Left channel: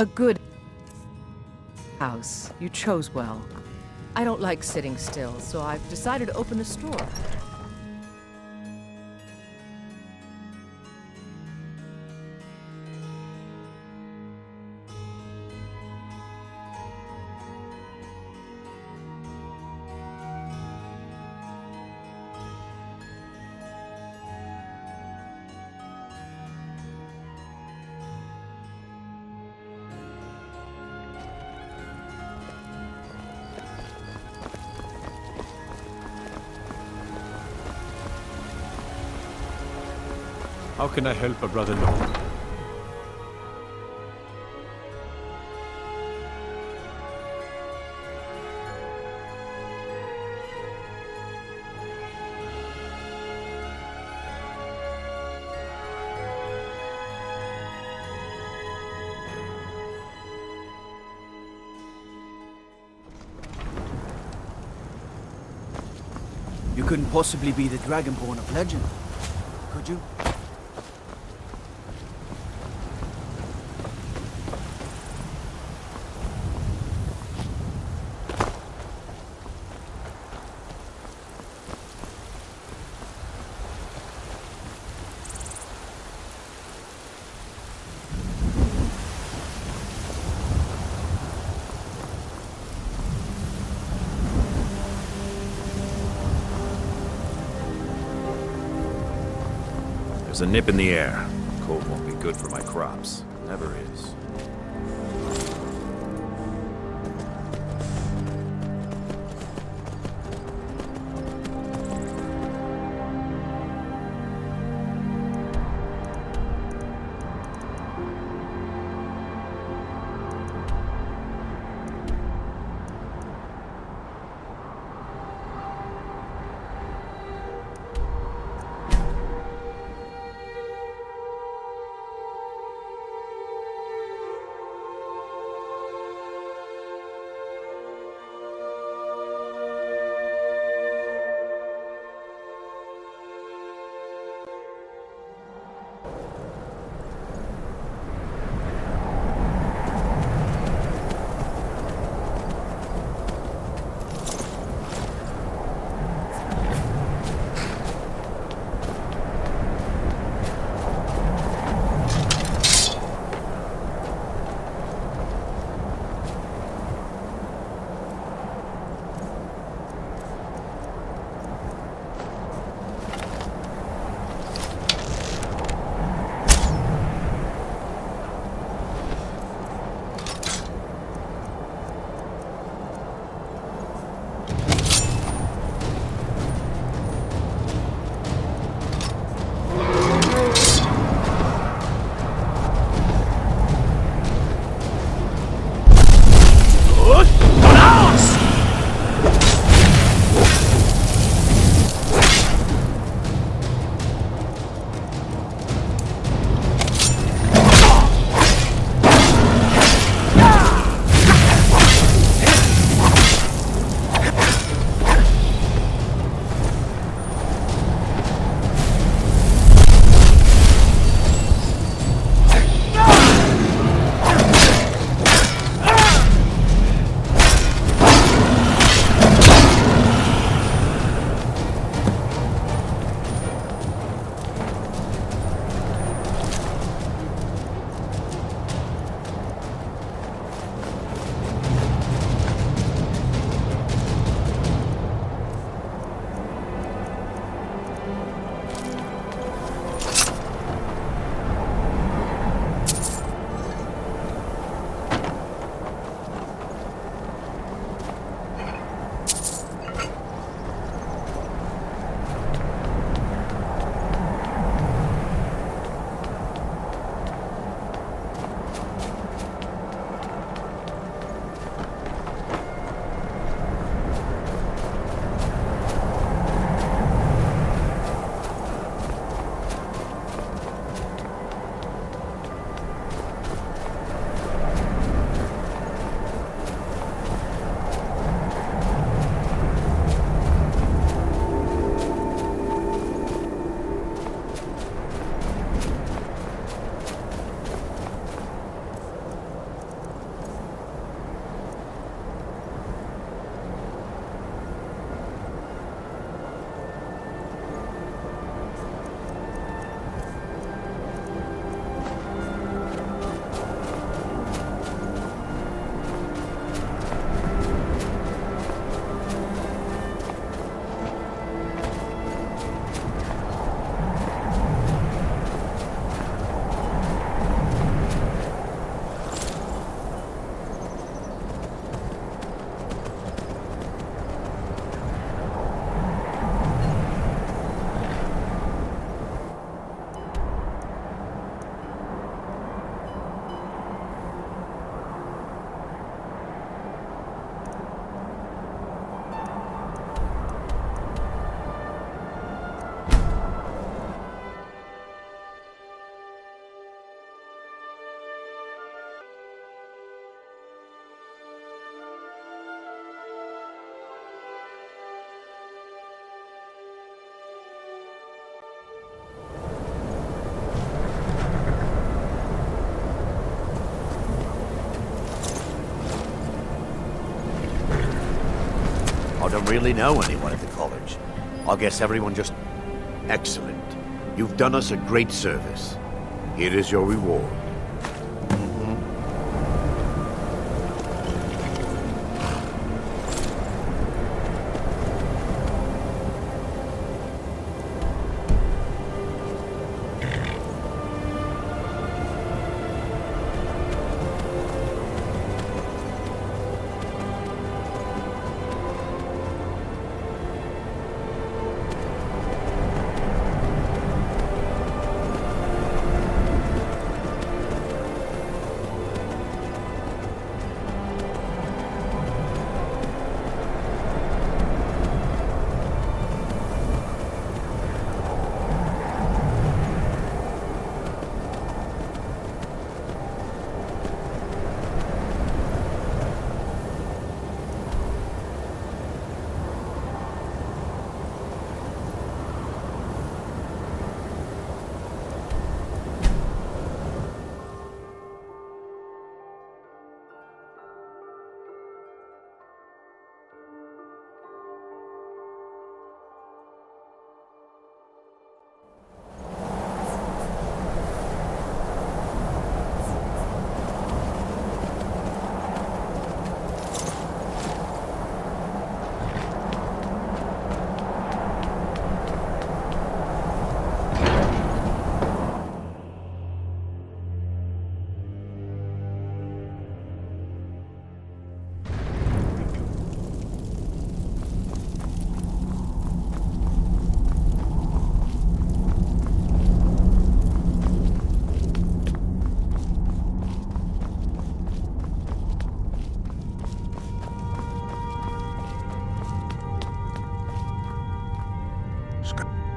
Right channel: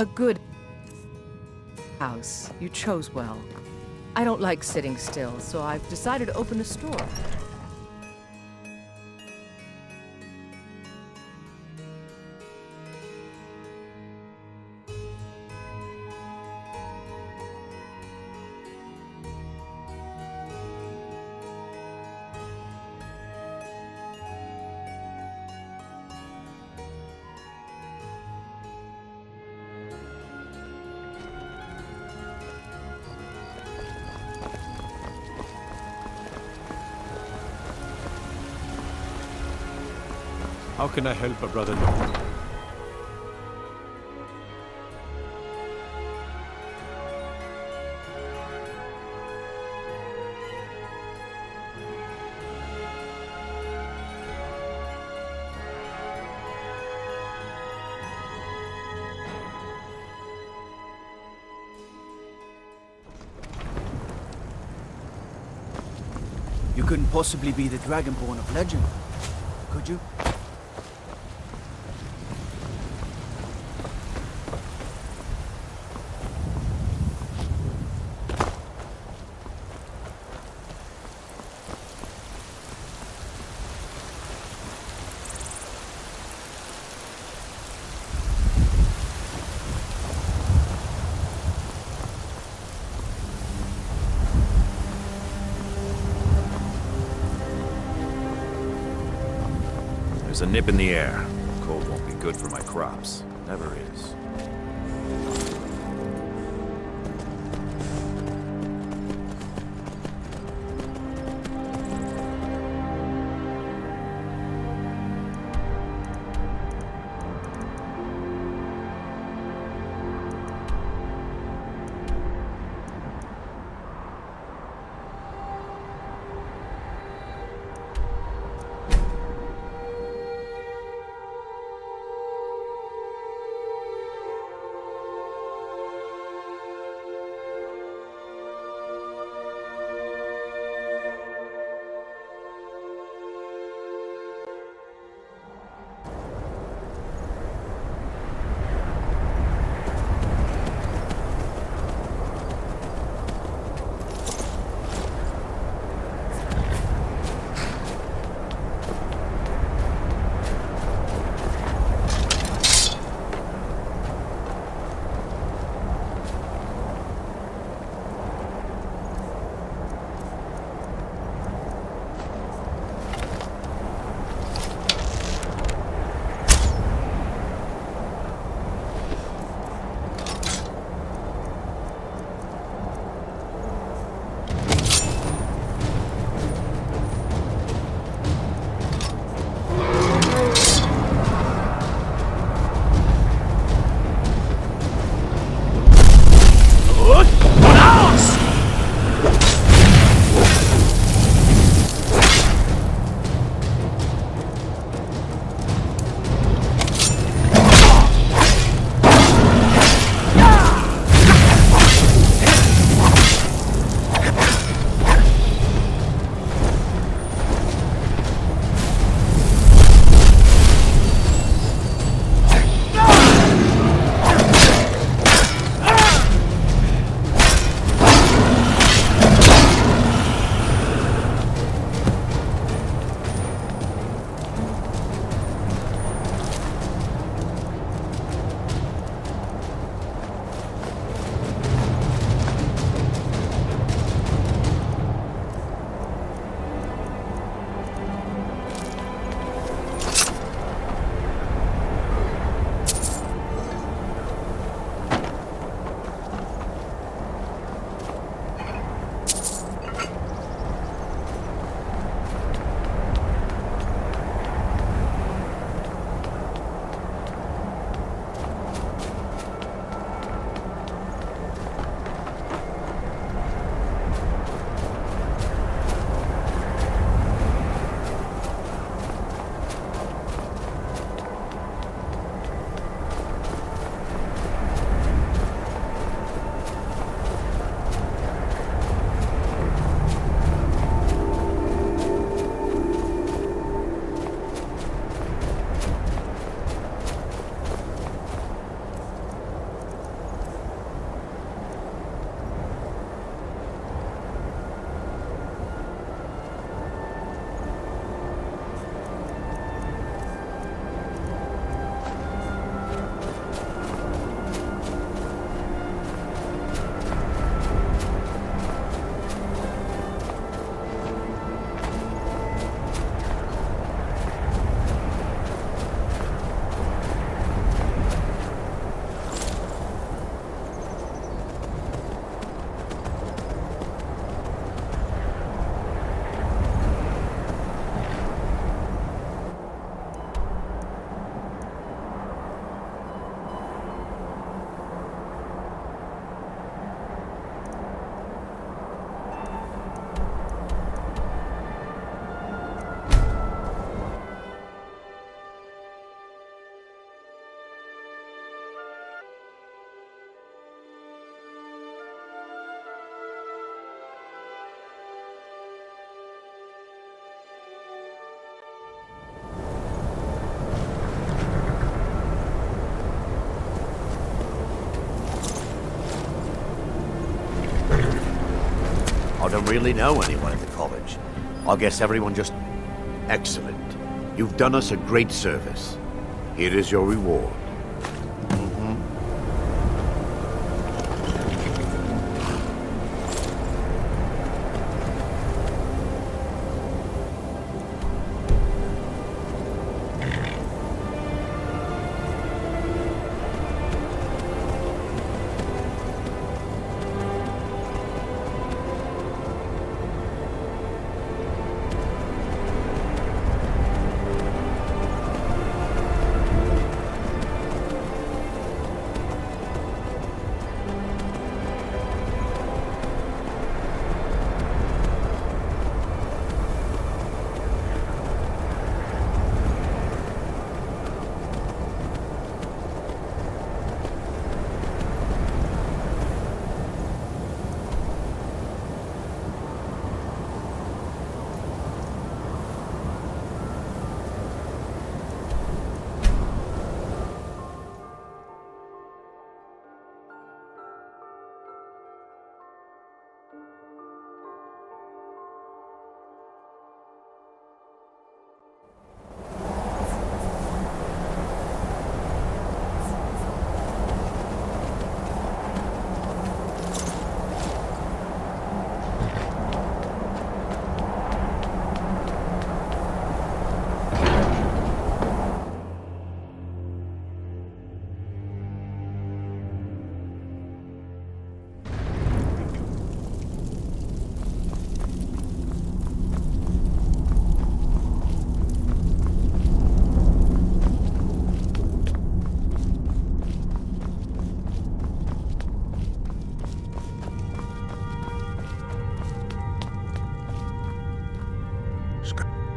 A good house. You chose well. I don't like sitting still, so I've decided to open a store. How can I help a brother know? You couldn't possibly be the Dragonborn of legend, could you? There's a nip in the air. Cold won't be good for my crops. Never is. I don't really know anyone at the college. I guess everyone just... Excellent. You've done us a great service. Here is your reward.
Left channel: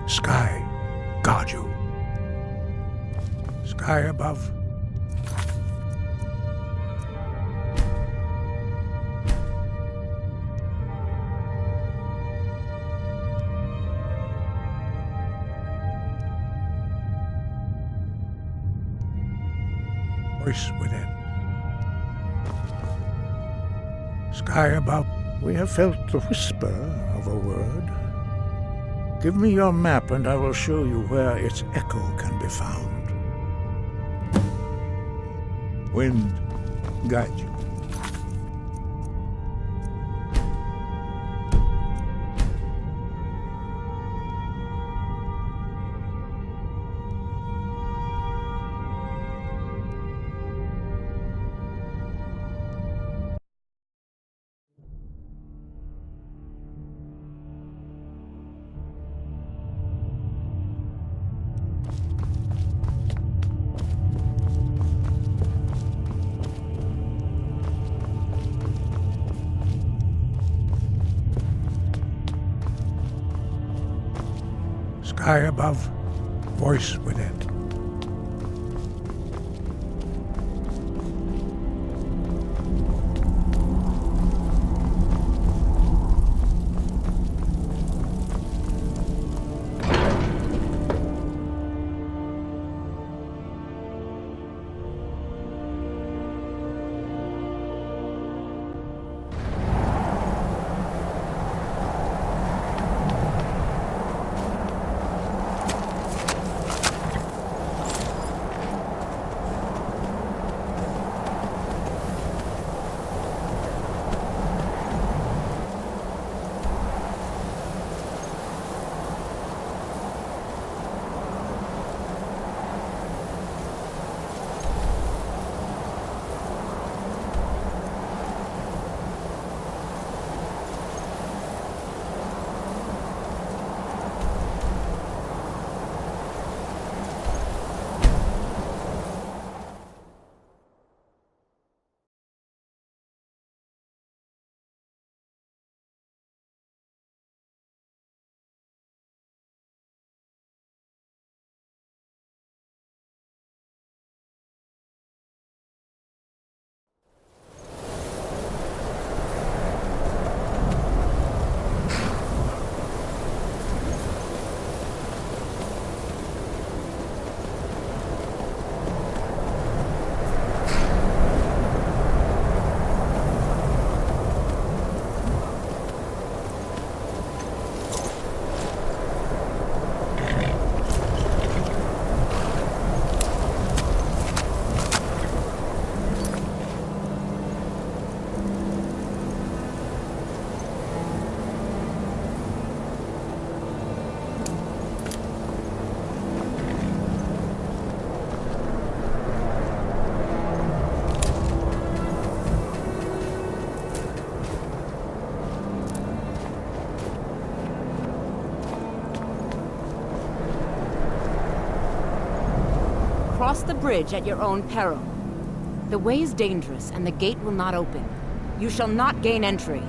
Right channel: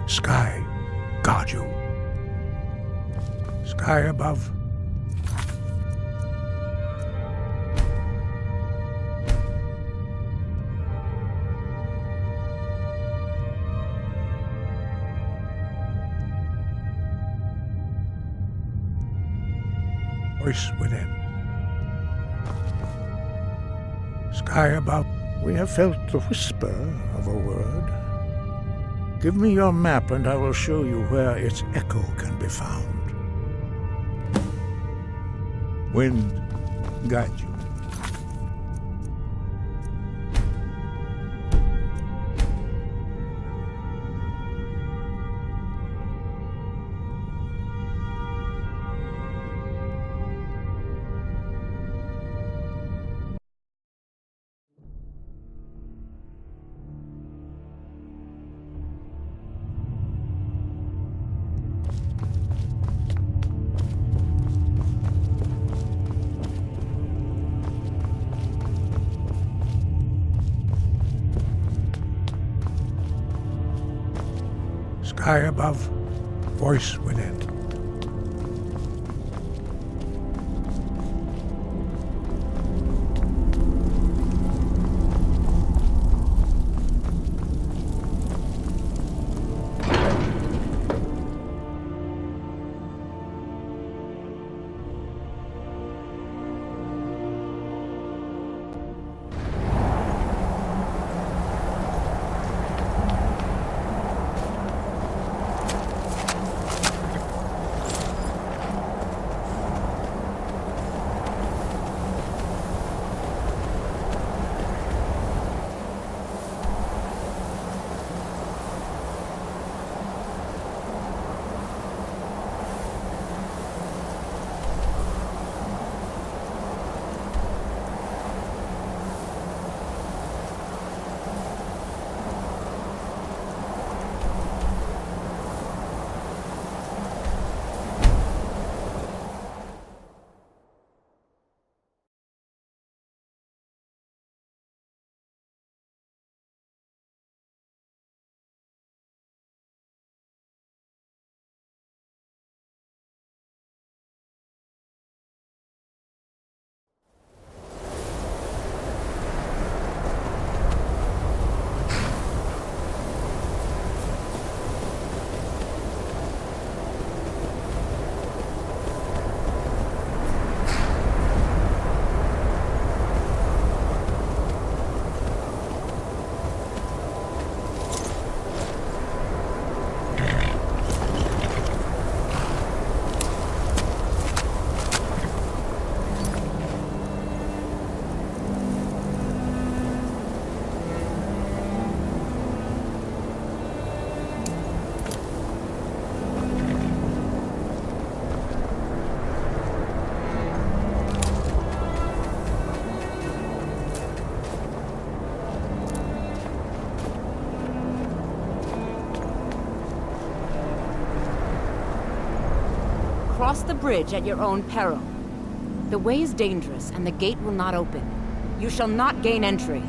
Sky, guard you. Sky above. Voice within. Sky above. We have felt the whisper of a word. Give me your map and I will show you where its echo can be found. Wind, guide you. Sky above, voice within. cross the bridge at your own peril. The way is dangerous, and the gate will not open. You shall not gain entry.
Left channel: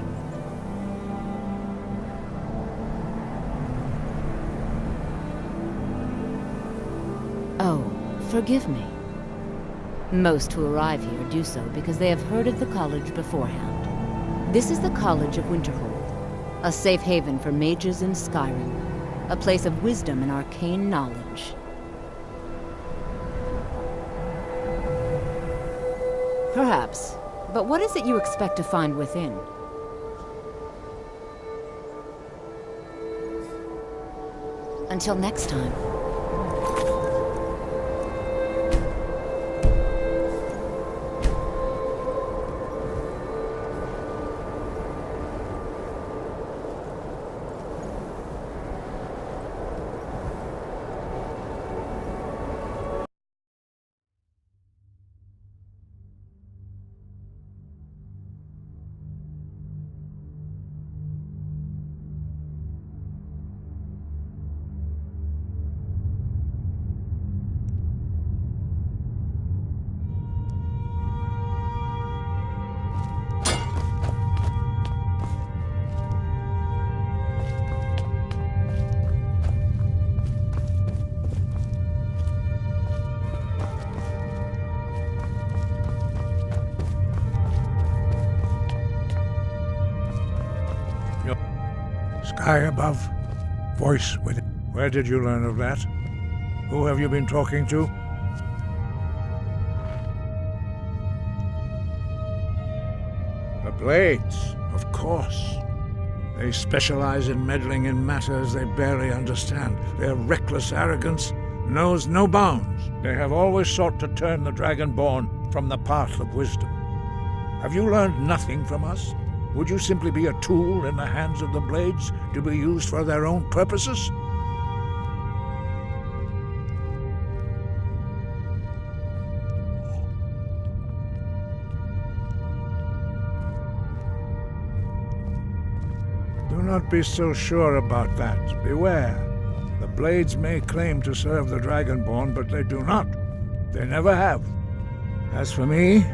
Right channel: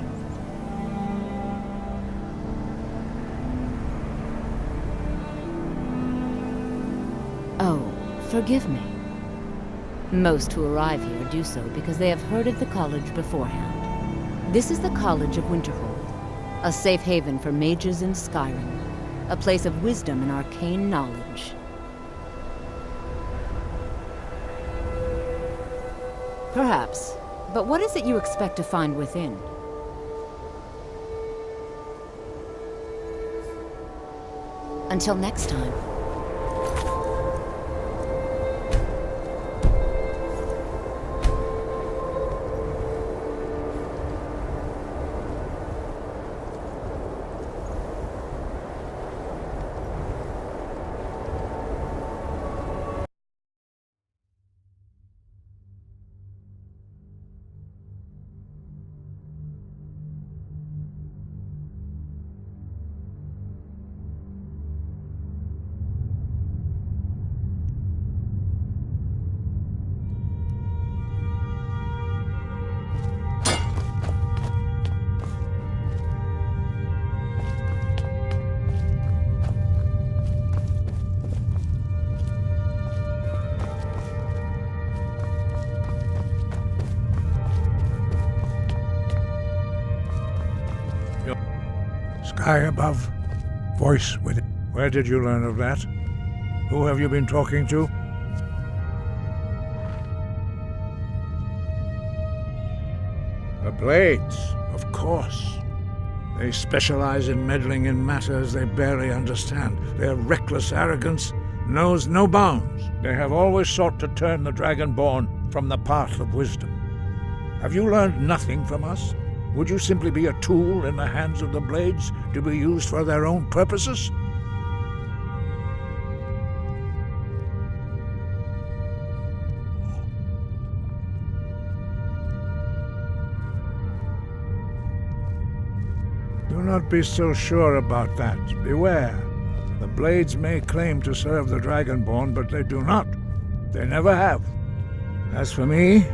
Oh, forgive me. Most who arrive here do so because they have heard of the college beforehand. This is the College of Winterhold, a safe haven for mages in Skyrim, a place of wisdom and arcane knowledge. Perhaps, but what is it you expect to find within? Until next time. Sky above, voice within. Where did you learn of that? Who have you been talking to? The Blades, of course. They specialize in meddling in matters they barely understand. Their reckless arrogance knows no bounds. They have always sought to turn the Dragonborn from the path of wisdom. Have you learned nothing from us? Would you simply be a tool in the hands of the Blades to be used for their own purposes? Do not be so sure about that. Beware. The Blades may claim to serve the Dragonborn, but they do not. They never have. As for me,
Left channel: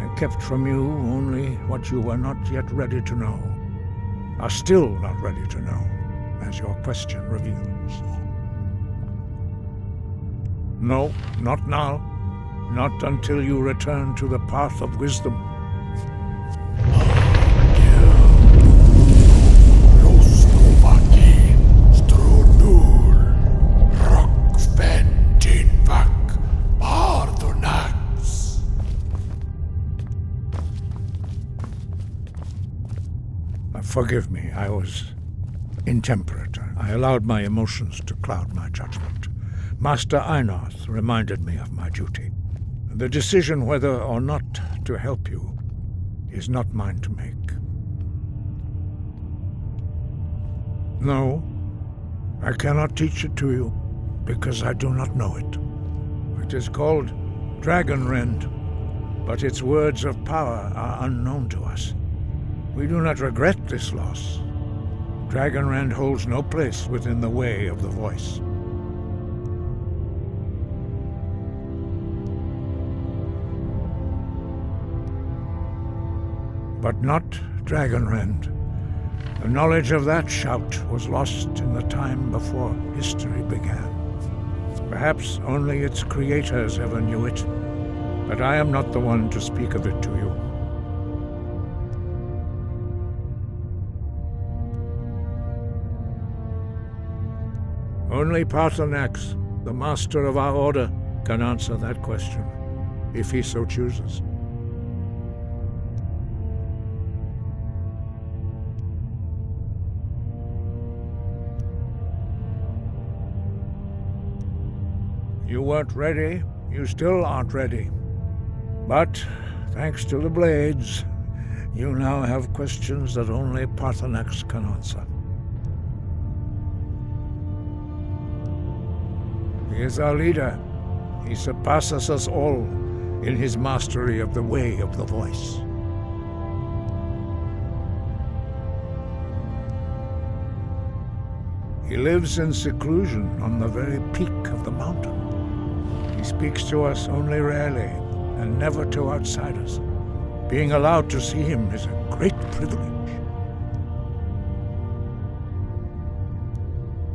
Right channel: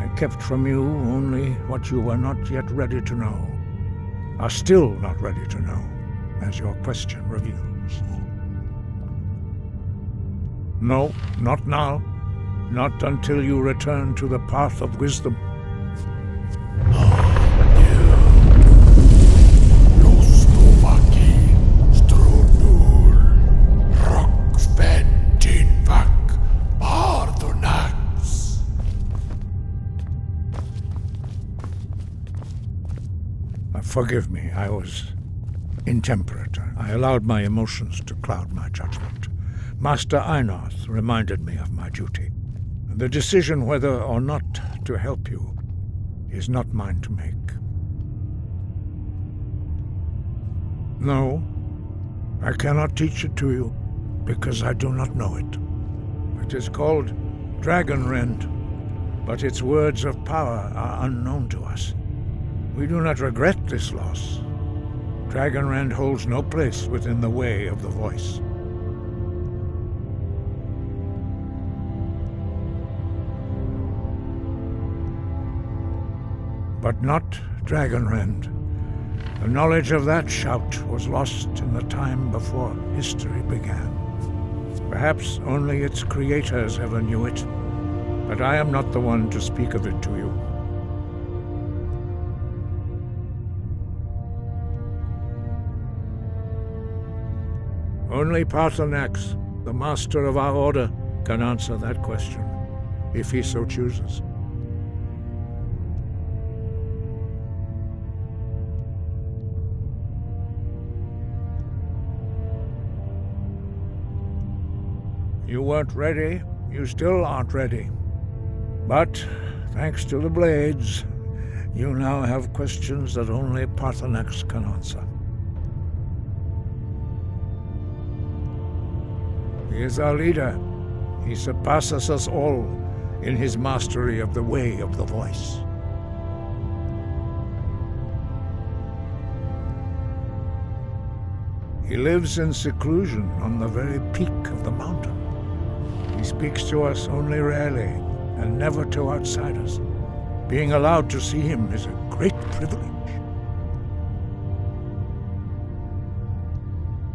I kept from you only what you were not yet ready to know, are still not ready to know, as your question reveals. No, not now. Not until you return to the path of wisdom. Forgive me, I was intemperate. I allowed my emotions to cloud my judgment. Master Einarth reminded me of my duty. The decision whether or not to help you is not mine to make. No, I cannot teach it to you, because I do not know it. It is called Dragonrend, but its words of power are unknown to us. We do not regret this loss. Dragonrend holds no place within the way of the voice. But not Dragonrend. The knowledge of that shout was lost in the time before history began. Perhaps only its creators ever knew it, but I am not the one to speak of it to you. Only Paarthurnax, the master of our order, can answer that question, if he so chooses. You weren't ready, you still aren't ready. But, thanks to the Blades, you now have questions that only Paarthurnax can answer. He is our leader. He surpasses us all in his mastery of the way of the voice. He lives in seclusion on the very peak of the mountain. He speaks to us only rarely, and never to outsiders. Being allowed to see him is a great privilege.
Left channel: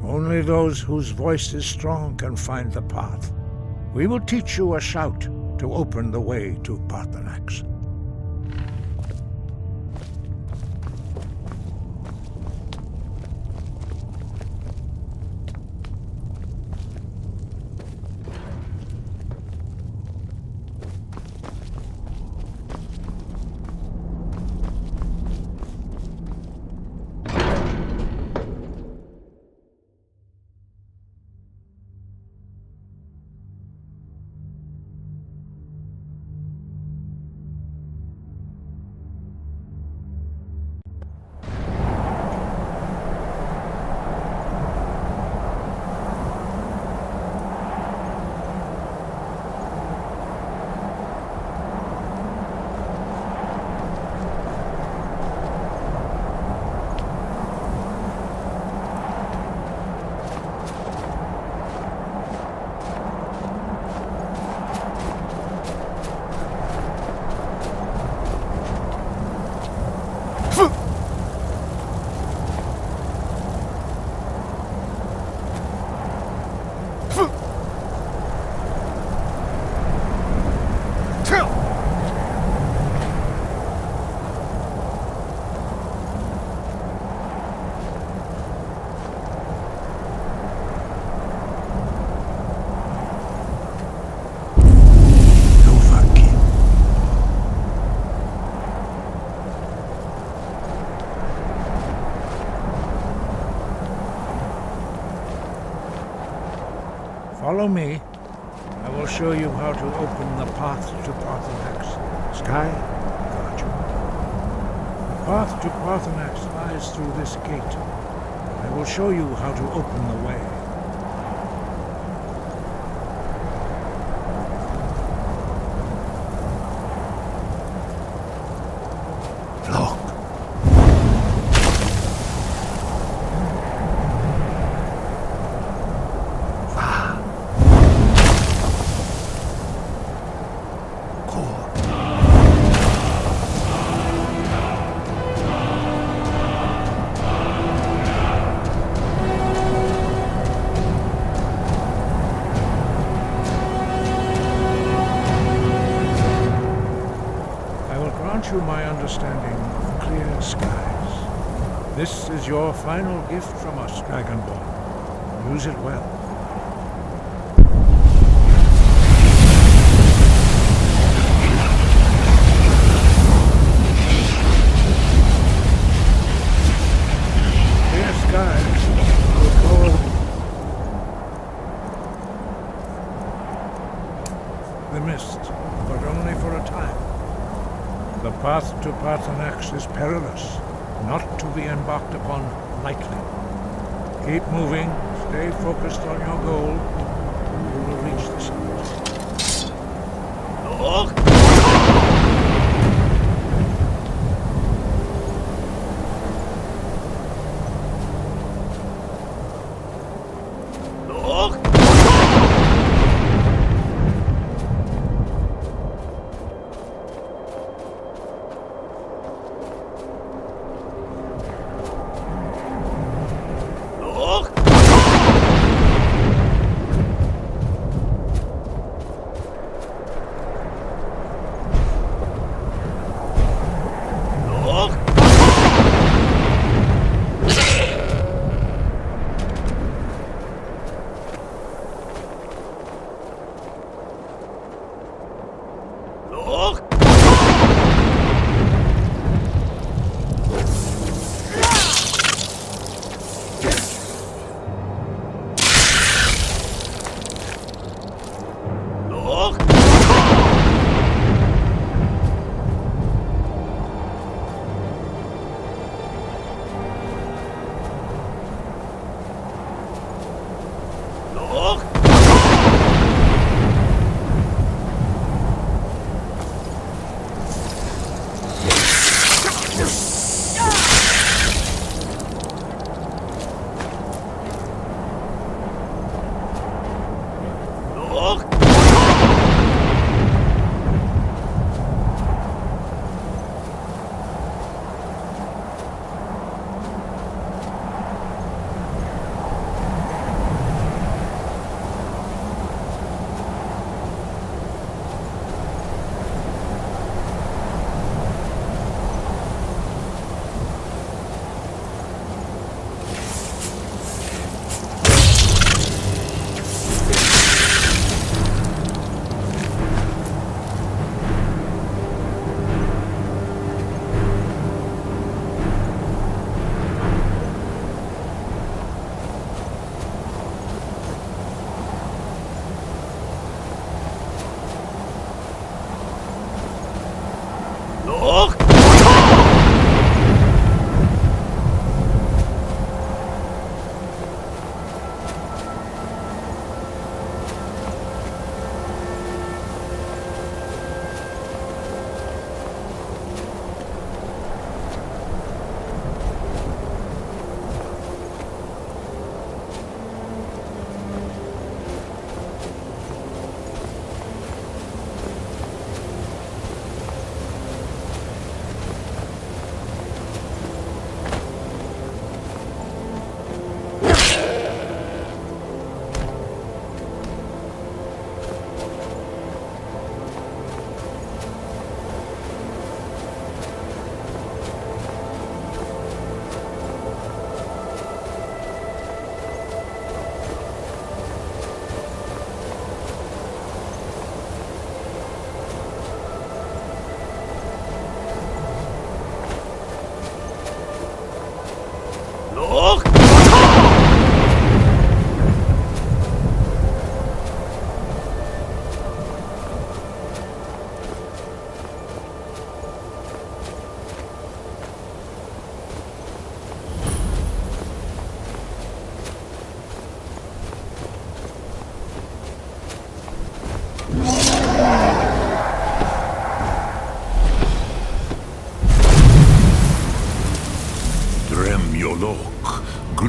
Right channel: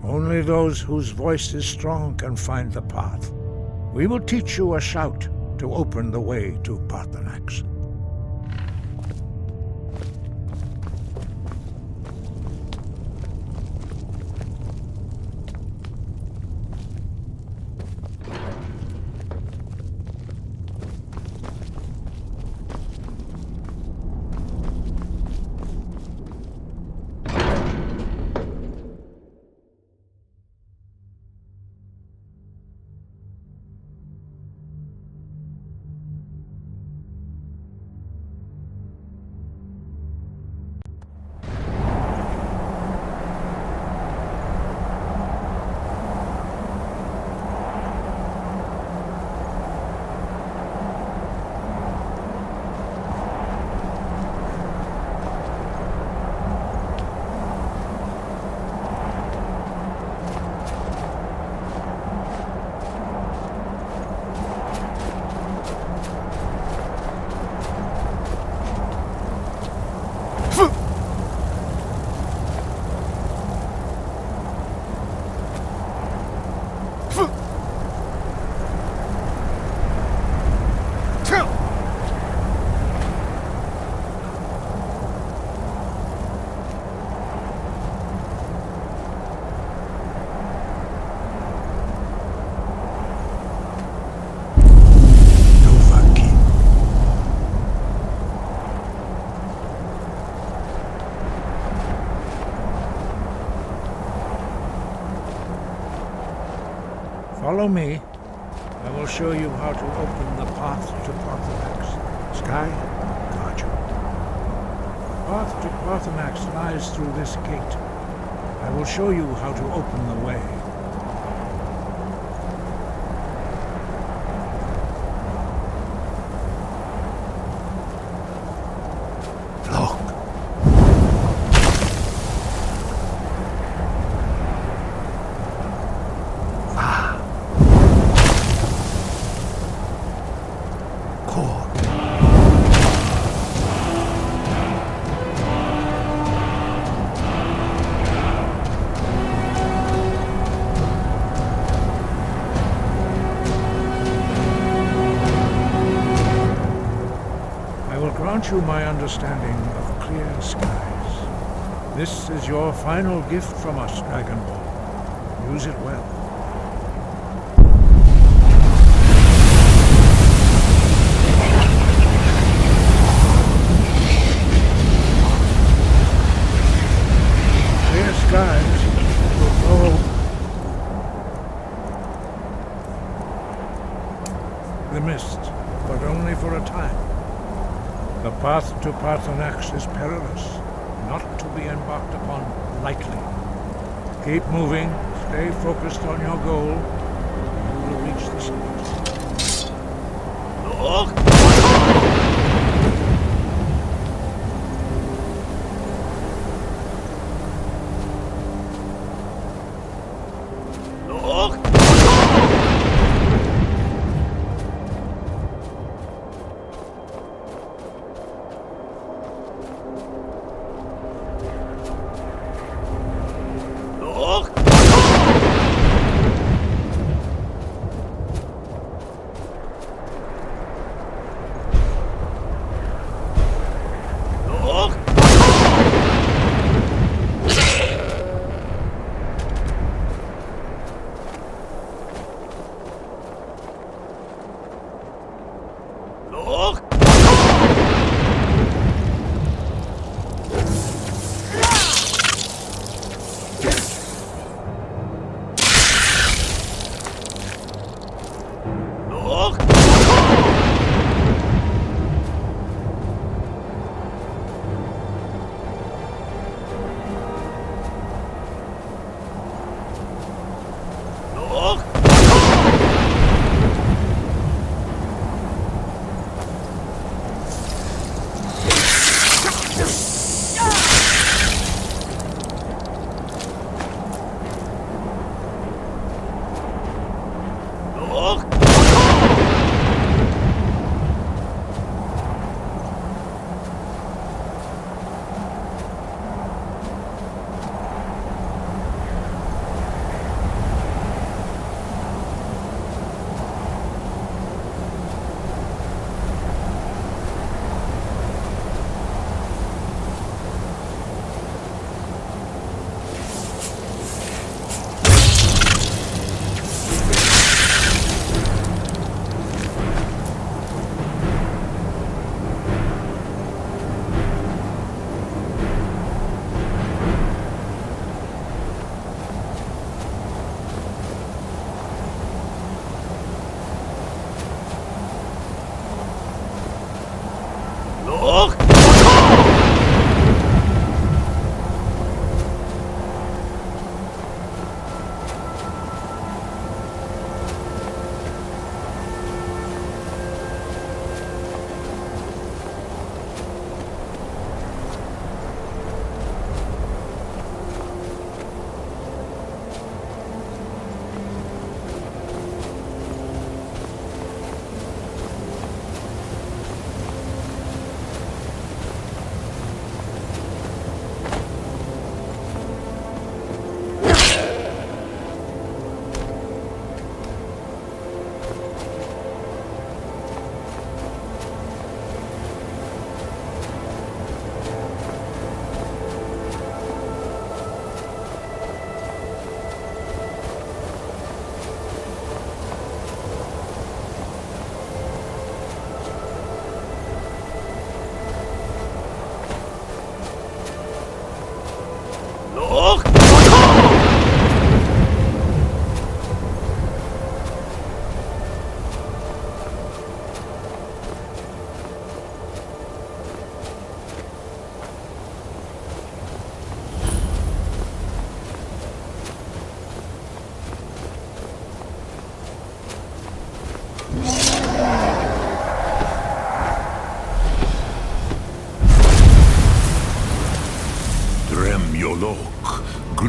Only those whose voice is strong can find the path. We will teach you a shout to open the way to Parthenax. Follow me. I will show you how to open the path to Parthenax. Sky, guard you. The path to Parthenax lies through this gate. I will show you how to open the way. Look. Grant you my understanding of clear skies. This is your final gift from us, Dragonborn. Use it well. Clear skies will blow the mist, but only for a time. The path to Parthenax is perilous, not to be embarked upon lightly. Keep moving, stay focused on your goal, and you will reach the summit. Look!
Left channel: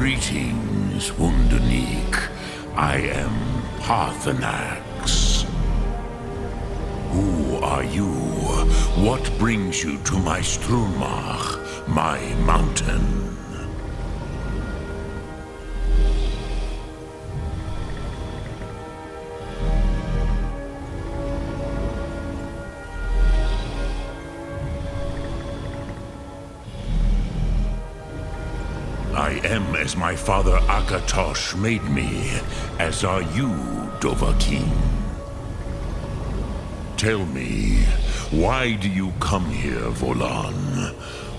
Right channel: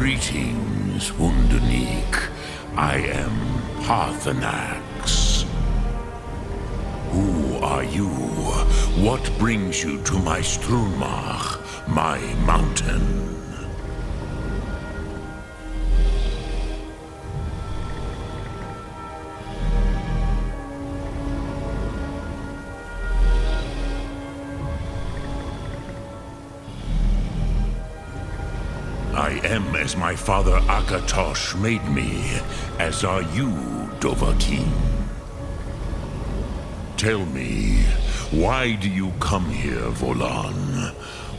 Greetings, Wunderneek. I am Parthenax. Who are you? What brings you to my Strunmach, my mountain? I am as my father Akatosh made me, as are you, Dovahkiin. Tell me, why do you come here, Volan?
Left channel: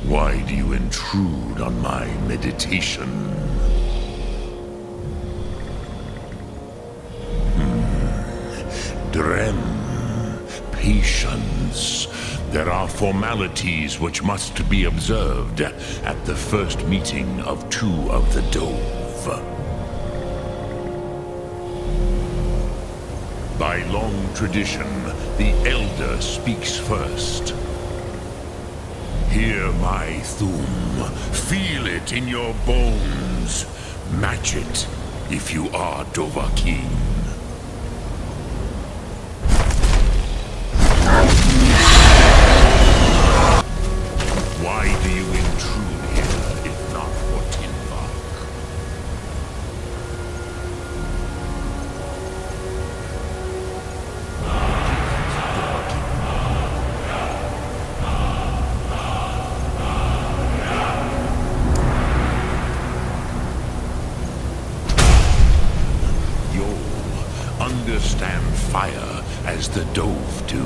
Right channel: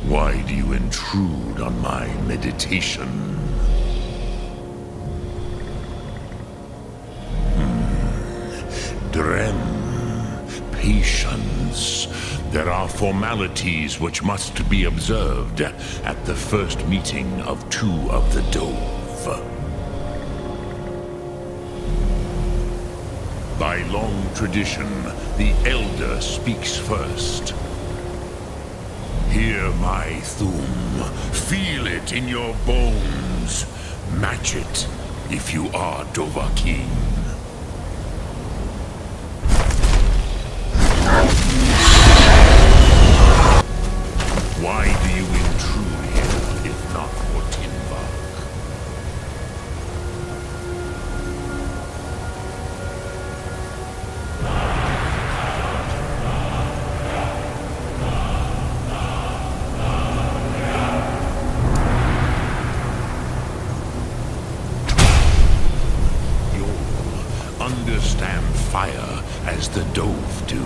Why do you intrude on my meditation? Drem, patience. There are formalities which must be observed at the first meeting of two of the Dove. By long tradition, the Elder speaks first. Hear my Thum. Feel it in your bones. Match it if you are Dovahkiin. Why do you intrude here, if not for Tinvak? You'll understand fire as the Dove do.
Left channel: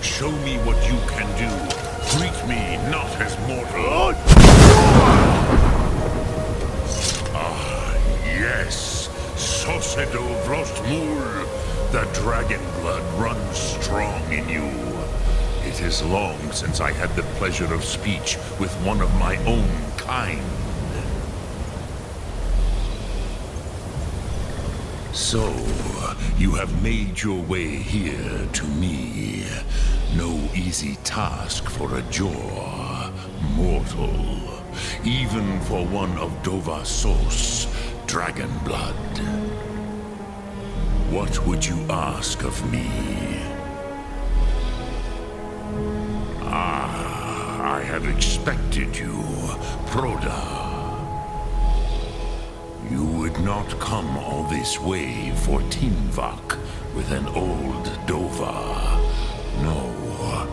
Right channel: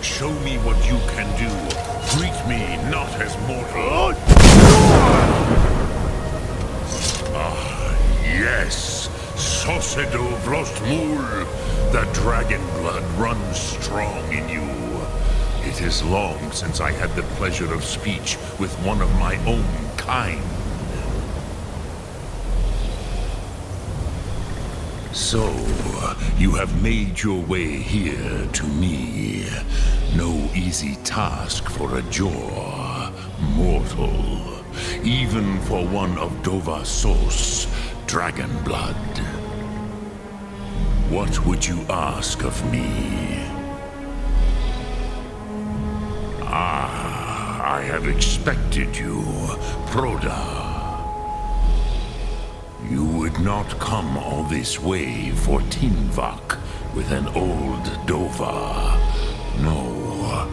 Show me what you can do. Greet me not as mortal. Ah, yes. Sosedo Vrostmul. The dragon blood runs strong in you. It is long since I had the pleasure of speech with one of my own kind. So, you have made your way here to me. No easy task for a Jor, mortal. Even for one of Dovahsos, dragon blood. What would you ask of me? Ah, I have expected you, Proda. You would not come all this way for Tinvak with an old Dova. No,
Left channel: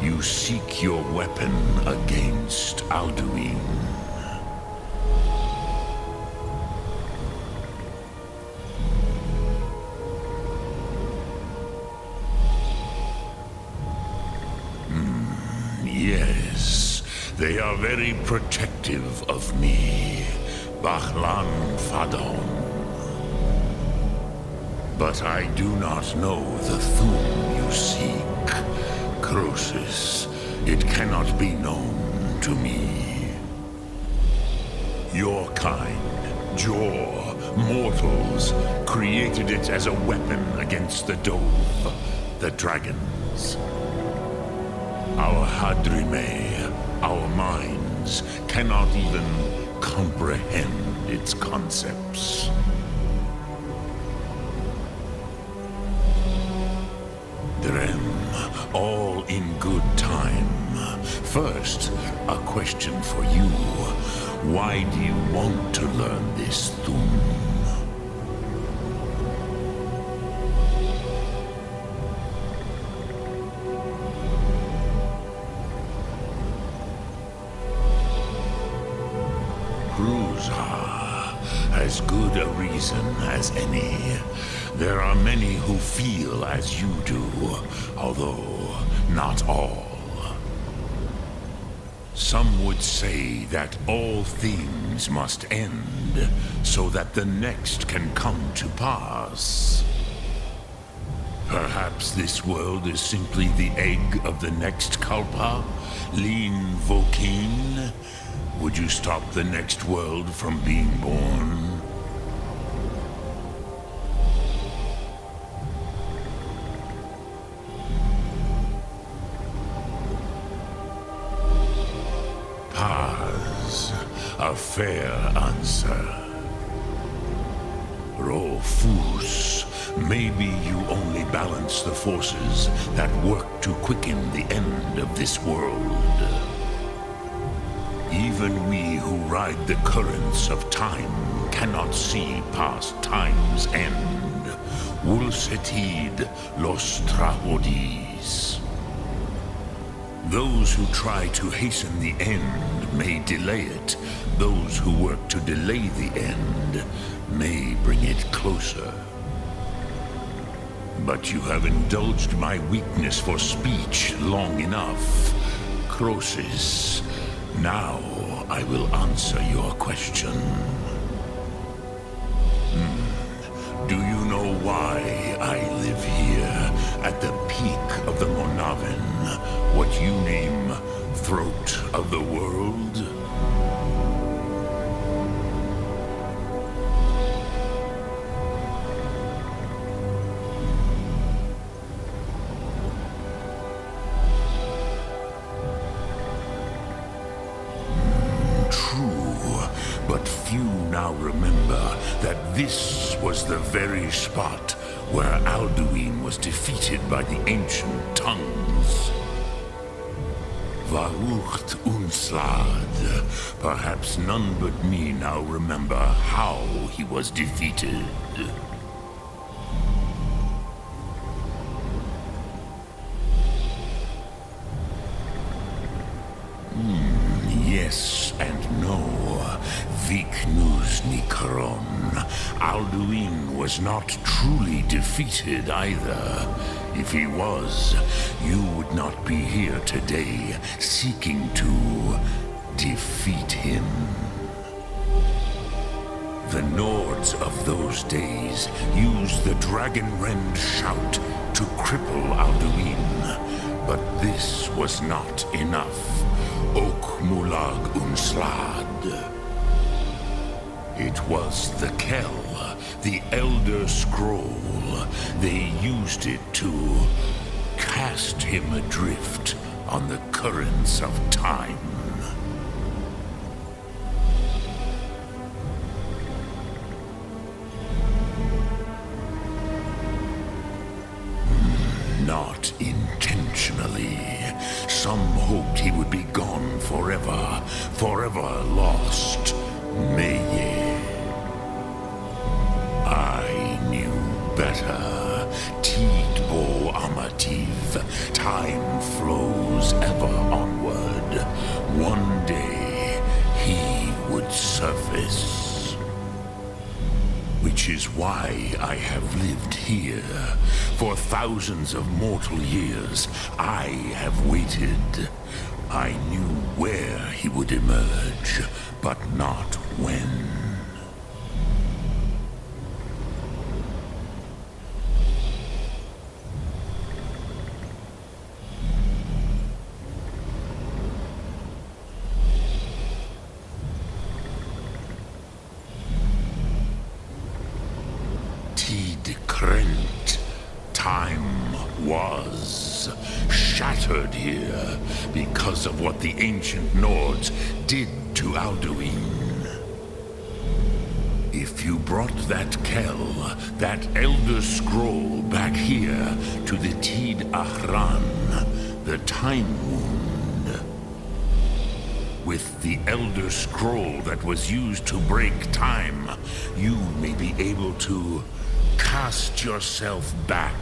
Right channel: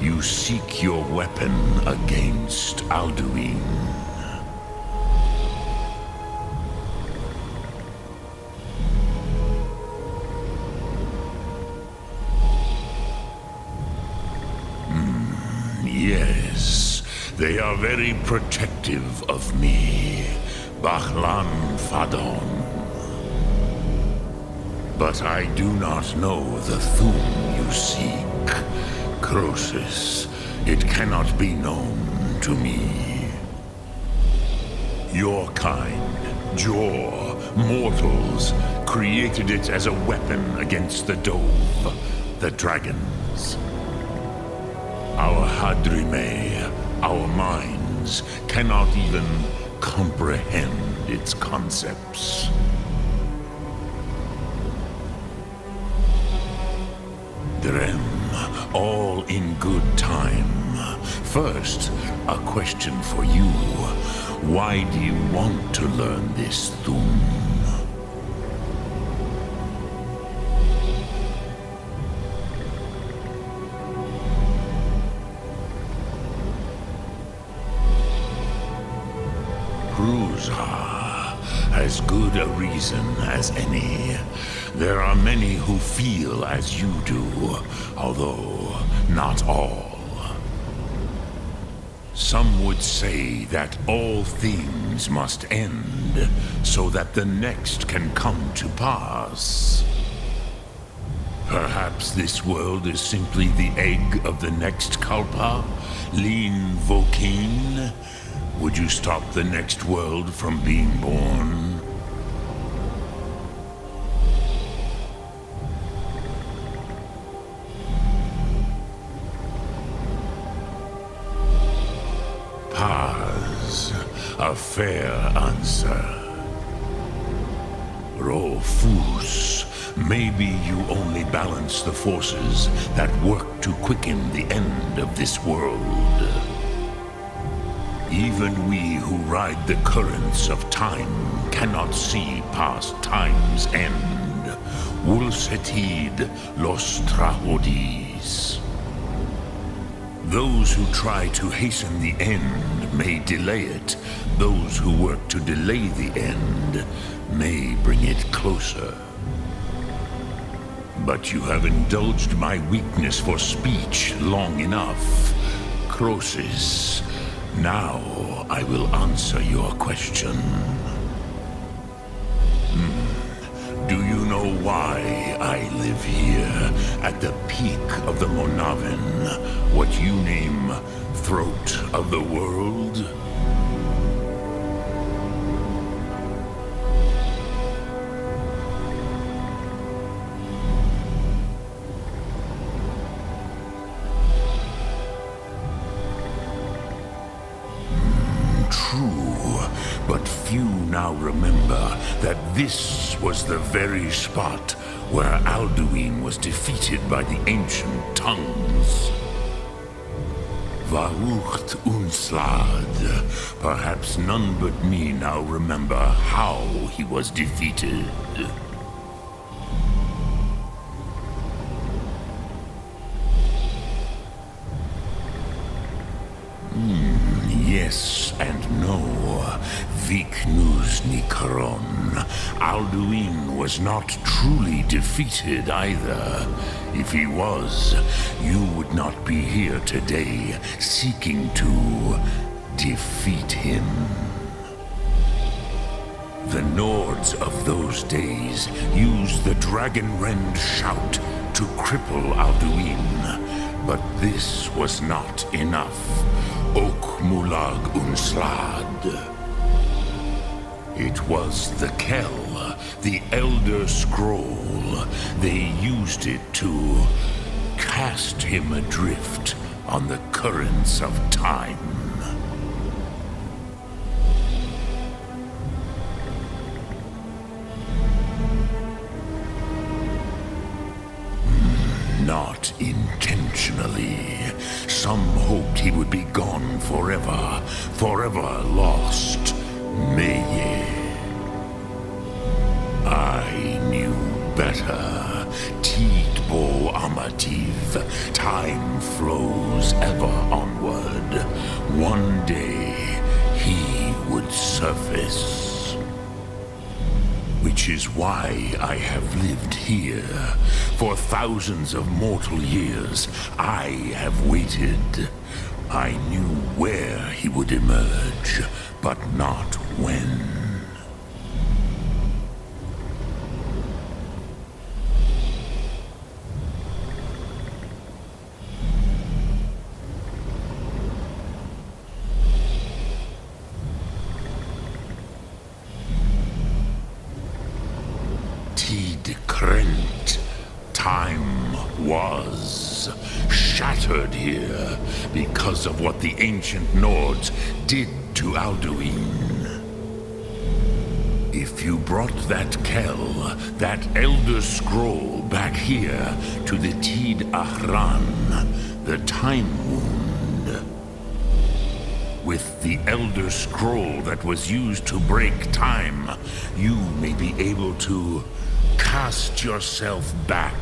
you seek your weapon against Alduin. Yes, they are very protective of me. Bachlan Fadon. But I do not know the Thum you seek. Croesus, it cannot be known to me. Your kind, Jor, mortals, created it as a weapon against the Dove, the dragons. Our Hadrime, our minds, cannot even comprehend its concepts. Drem, all in good time. First, a question for you. Why do you want to learn this Thum? As good a reason as any. There are many who feel as you do, although not all. Some would say that all things must end so that the next can come to pass. Perhaps this world is simply the egg of the next Kalpa, Lin Vokin. Would you stop the next world from being born? Paz, a fair answer. Rofus, maybe you only balance the forces that work to quicken the end of this world. Even we who ride the currents of time cannot see past time's end. Wulsetid los trahodis. Those who try to hasten the end may delay it. Those who work to delay the end may bring it closer. But you have indulged my weakness for speech long enough. Croesus, now I will answer your question. Do you know why I live here, at the peak of the Monavin, what you name Throat of the World? True, but few now remember that this was the very spot where Alduin was defeated by the ancient tongues. Varucht Unslad. Perhaps none but me now remember how he was defeated. Yes and no. Viknus Nikaron. Alduin was not truly defeated either. If he was, you would not be here today seeking to defeat him. The Nords of those days used the Dragonrend shout to cripple Alduin, but this was not enough. Ok Mulag Unslad. It was the Kell, the Elder Scroll. They used it to cast him adrift on the currents of time. Not intentionally. Some hoped he would be gone forever, forever lost. Meye. I knew better. Tidbo Amativ. Time flows ever onward. One day, he would surface. Which is why I have lived here. For thousands of mortal years, I have waited. I knew where he would emerge, but not when. Tid Krent. Time was shattered here because of what the ancient Nords did to Alduin. If you brought that Kell, that Elder Scroll back here to the Tid Ahran, the Time Wound, with the Elder Scroll that was used to break time, you may be able to cast yourself back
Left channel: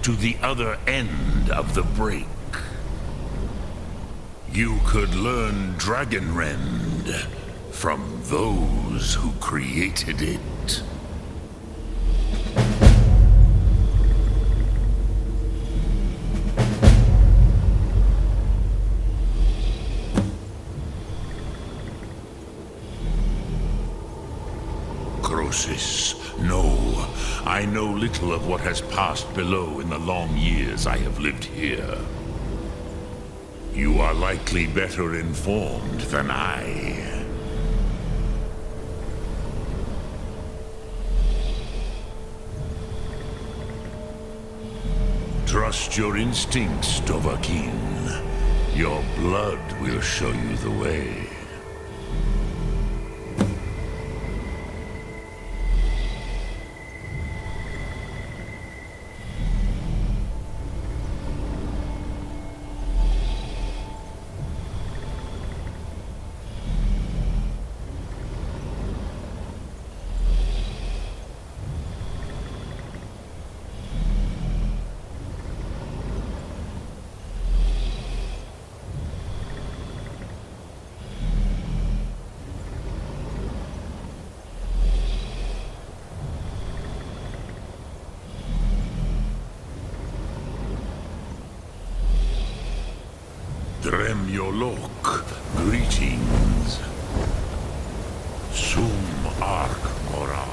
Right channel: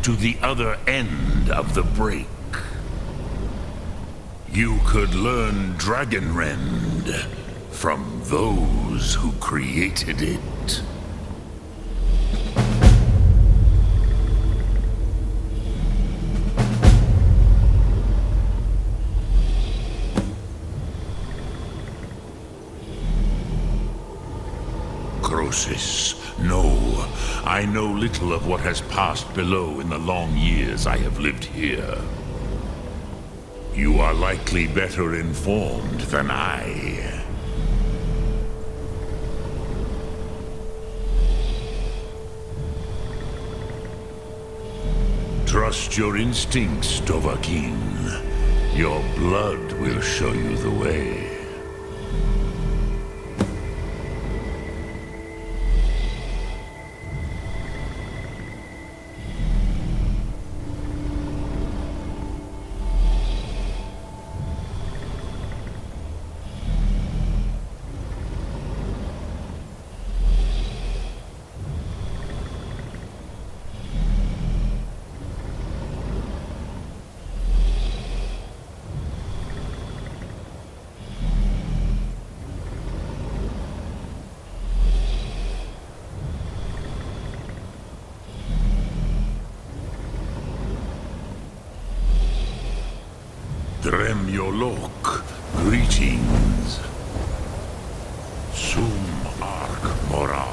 to the other end of the break. You could learn Dragonrend from those who created it. diagnosis. No, I know little of what has passed below in the long years I have lived here. You are likely better informed than I. Trust your instincts, Dovahkiin. Your blood will show you the way. Dremyolok, greetings. Sum Ark Mora.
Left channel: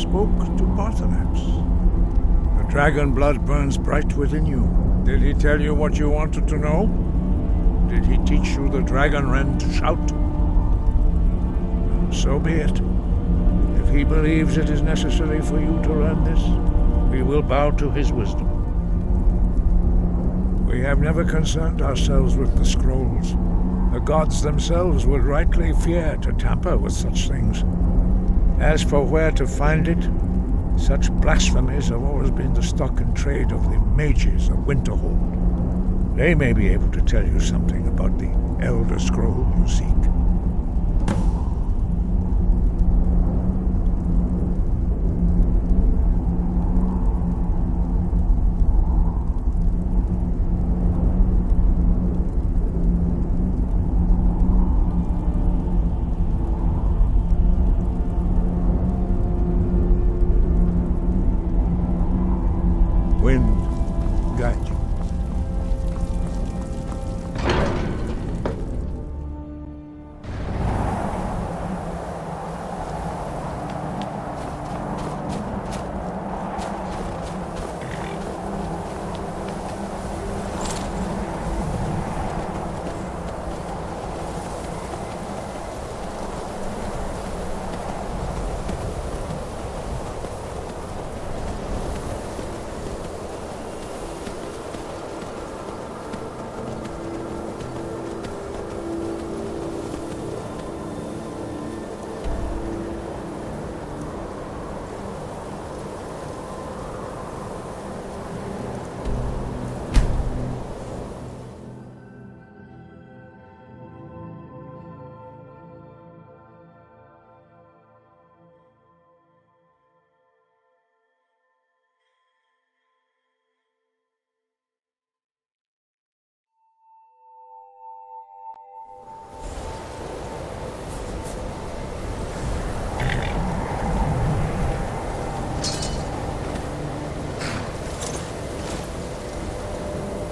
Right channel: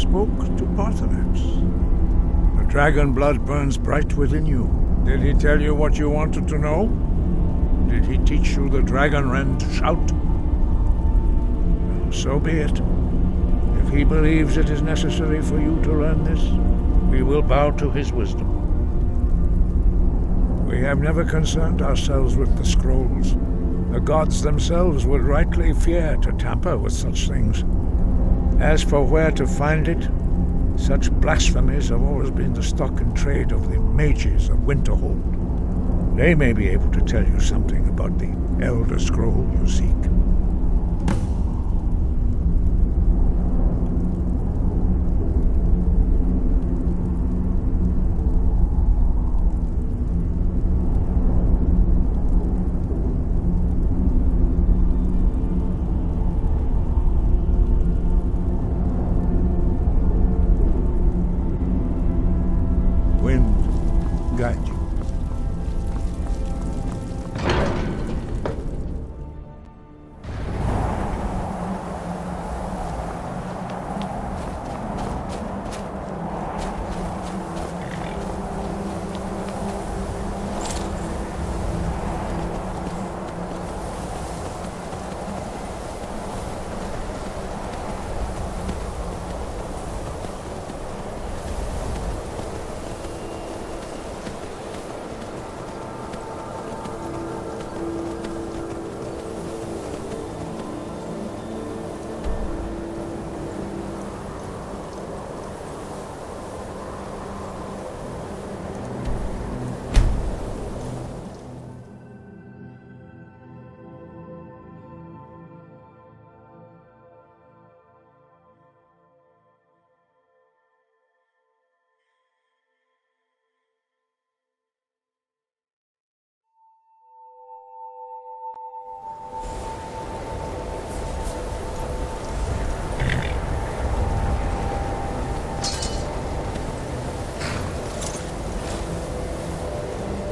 spoke to Parthenax. The dragon blood burns bright within you. Did he tell you what you wanted to know? Did he teach you the dragon wren to shout? So be it. If he believes it is necessary for you to learn this, we will bow to his wisdom. We have never concerned ourselves with the scrolls. The gods themselves would rightly fear to tamper with such things. As for where to find it, such blasphemies have always been the stock and trade of the mages of Winterhold. They may be able to tell you something about the Elder Scroll you seek. Wind guide you.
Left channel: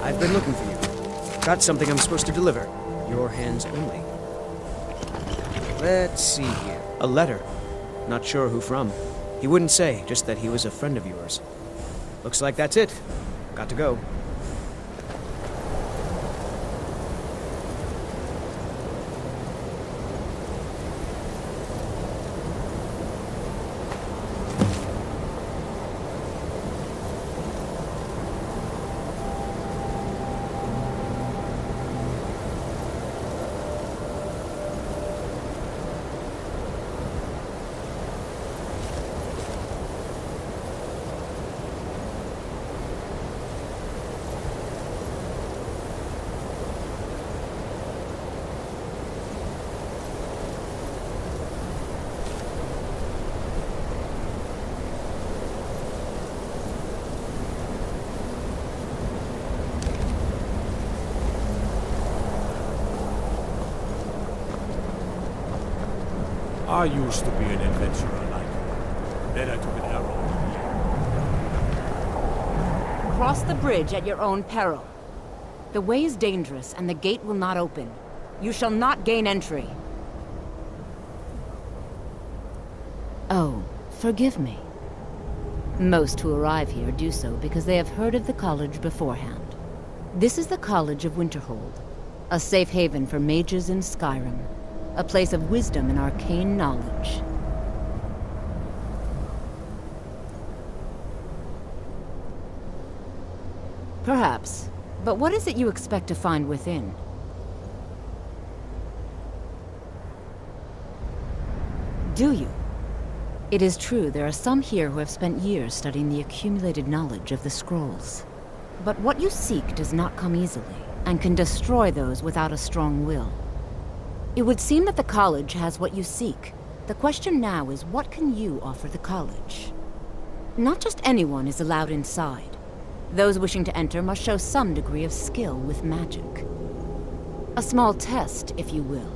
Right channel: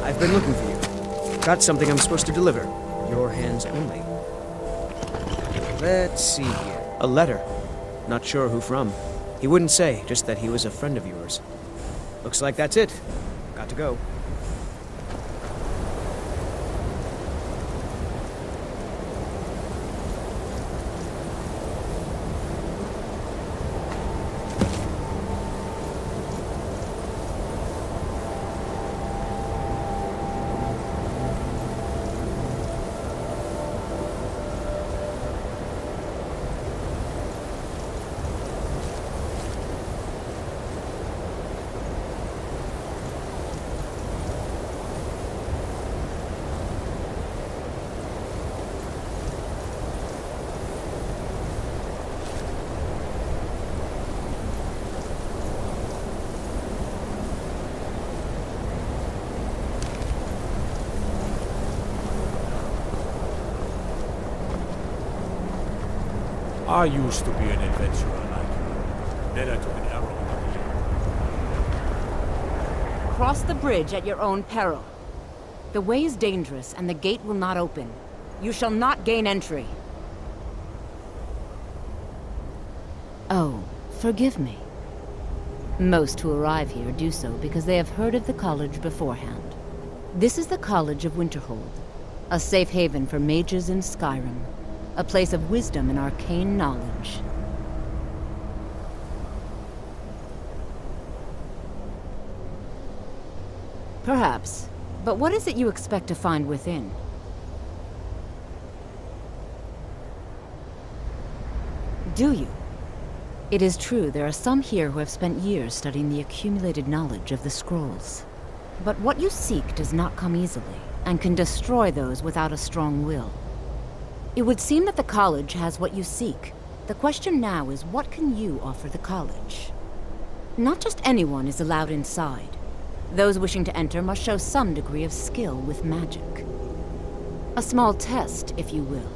I've been looking for you. Got something I'm supposed to deliver. Your hands only. Let's see here. A letter. Not sure who from. He wouldn't say, just that he was a friend of yours. Looks like that's it. Got to go. I used to be an adventurer like you. Then I took an arrow in the knee. Cross the bridge at your own peril. The way is dangerous, and the gate will not open. You shall not gain entry. Oh, forgive me. Most who arrive here do so because they have heard of the college beforehand. This is the College of Winterhold, a safe haven for mages in Skyrim. A place of wisdom and arcane knowledge. Perhaps. But what is it you expect to find within? Do you? It is true there are some here who have spent years studying the accumulated knowledge of the scrolls. But what you seek does not come easily, and can destroy those without a strong will. It would seem that the college has what you seek. The question now is, what can you offer the college? Not just anyone is allowed inside. Those wishing to enter must show some degree of skill with magic. A small test, if you will.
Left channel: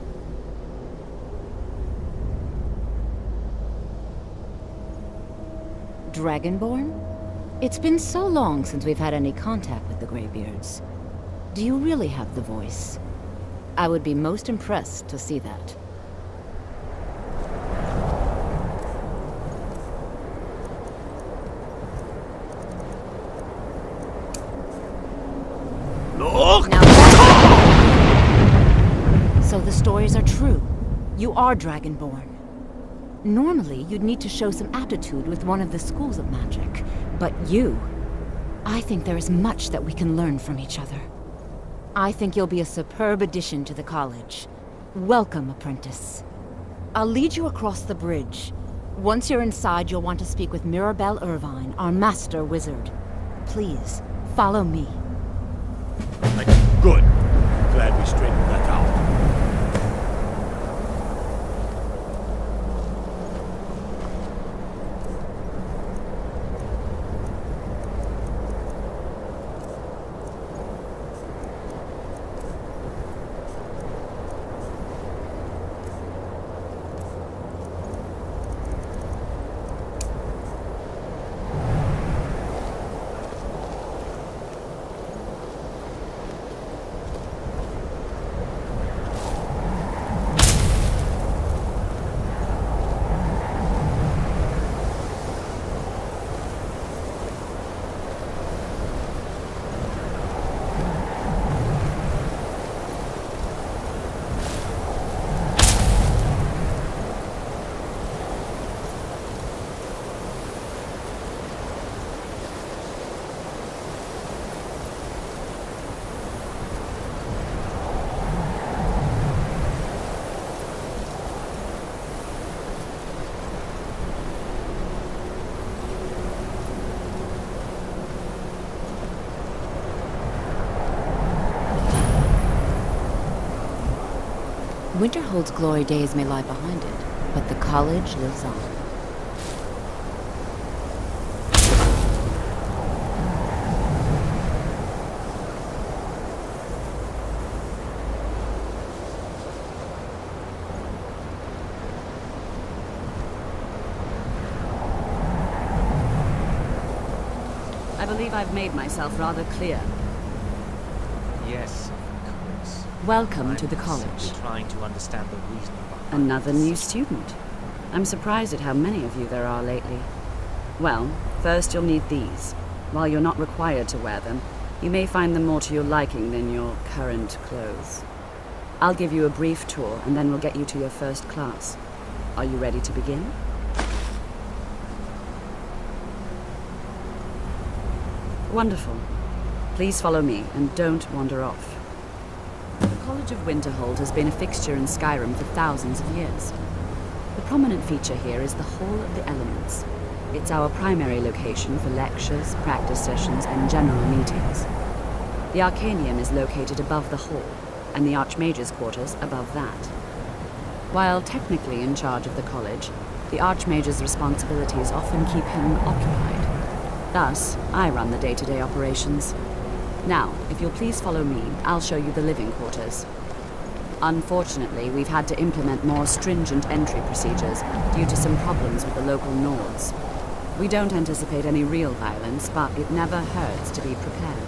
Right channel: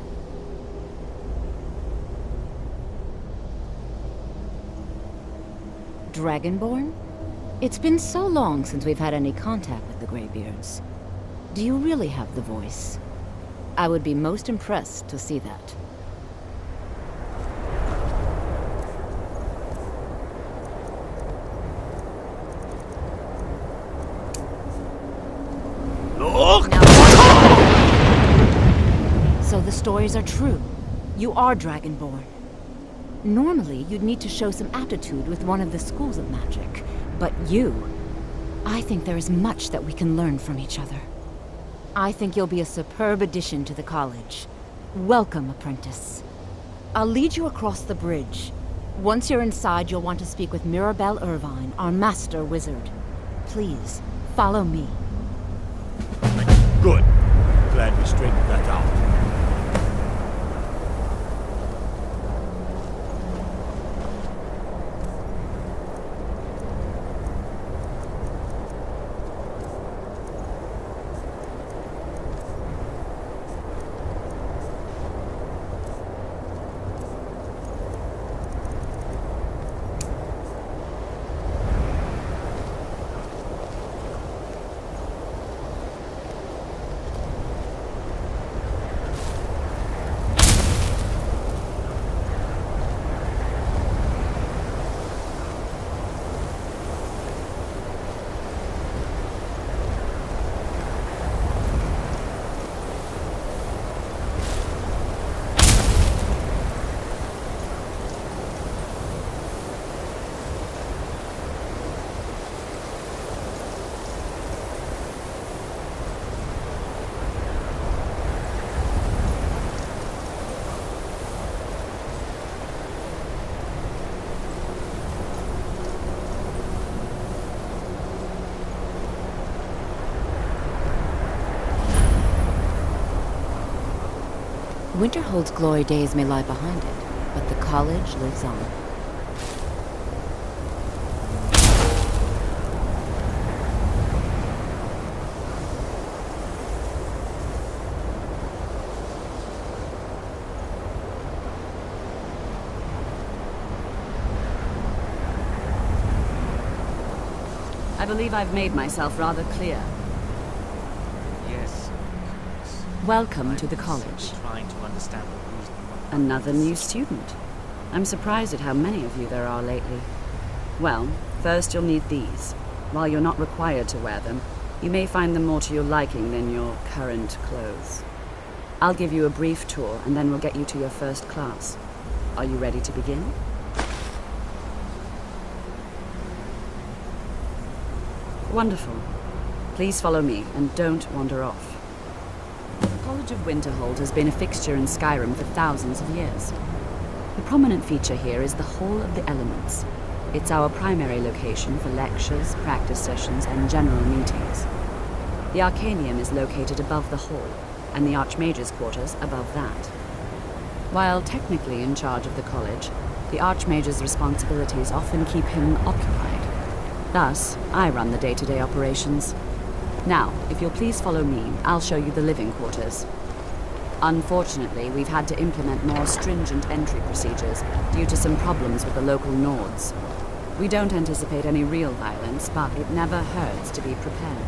Dragonborn? It's been so long since we've had any contact with the Greybeards. Do you really have the voice? I would be most impressed to see that. So the stories are true. You are Dragonborn. Normally, you'd need to show some aptitude with one of the schools of magic. But you... I think there is much that we can learn from each other. I think you'll be a superb addition to the college. Welcome, apprentice. I'll lead you across the bridge. Once you're inside, you'll want to speak with Mirabelle Irvine, our master wizard. Please, follow me. Good. Glad we straightened that out. Winterhold's glory days may lie behind it, but the college lives on. I believe I've made myself rather clear. Yes, of course. Welcome to the I'm college. simply trying to understand the reasoning behind Another this. new student. I'm surprised at how many of you there are lately. Well, first you'll need these. While you're not required to wear them, you may find them more to your liking than your current clothes. I'll give you a brief tour, and then we'll get you to your first class. Are you ready to begin? Wonderful. Please follow me, and don't wander off. The College of Winterhold has been a fixture in Skyrim for thousands of years. The prominent feature here is the Hall of the Elements. It's our primary location for lectures, practice sessions, and general meetings. The Arcanium is located above the hall, and the Archmage's quarters above that. While technically in charge of the college, the Archmage's responsibilities often keep him occupied. Thus, I run the day-to-day operations. Now, if you'll please follow me, I'll show you the living quarters. Unfortunately, we've had to implement more stringent entry procedures due to some problems with the local Nords. We don't anticipate any real violence, but it never hurts to be prepared.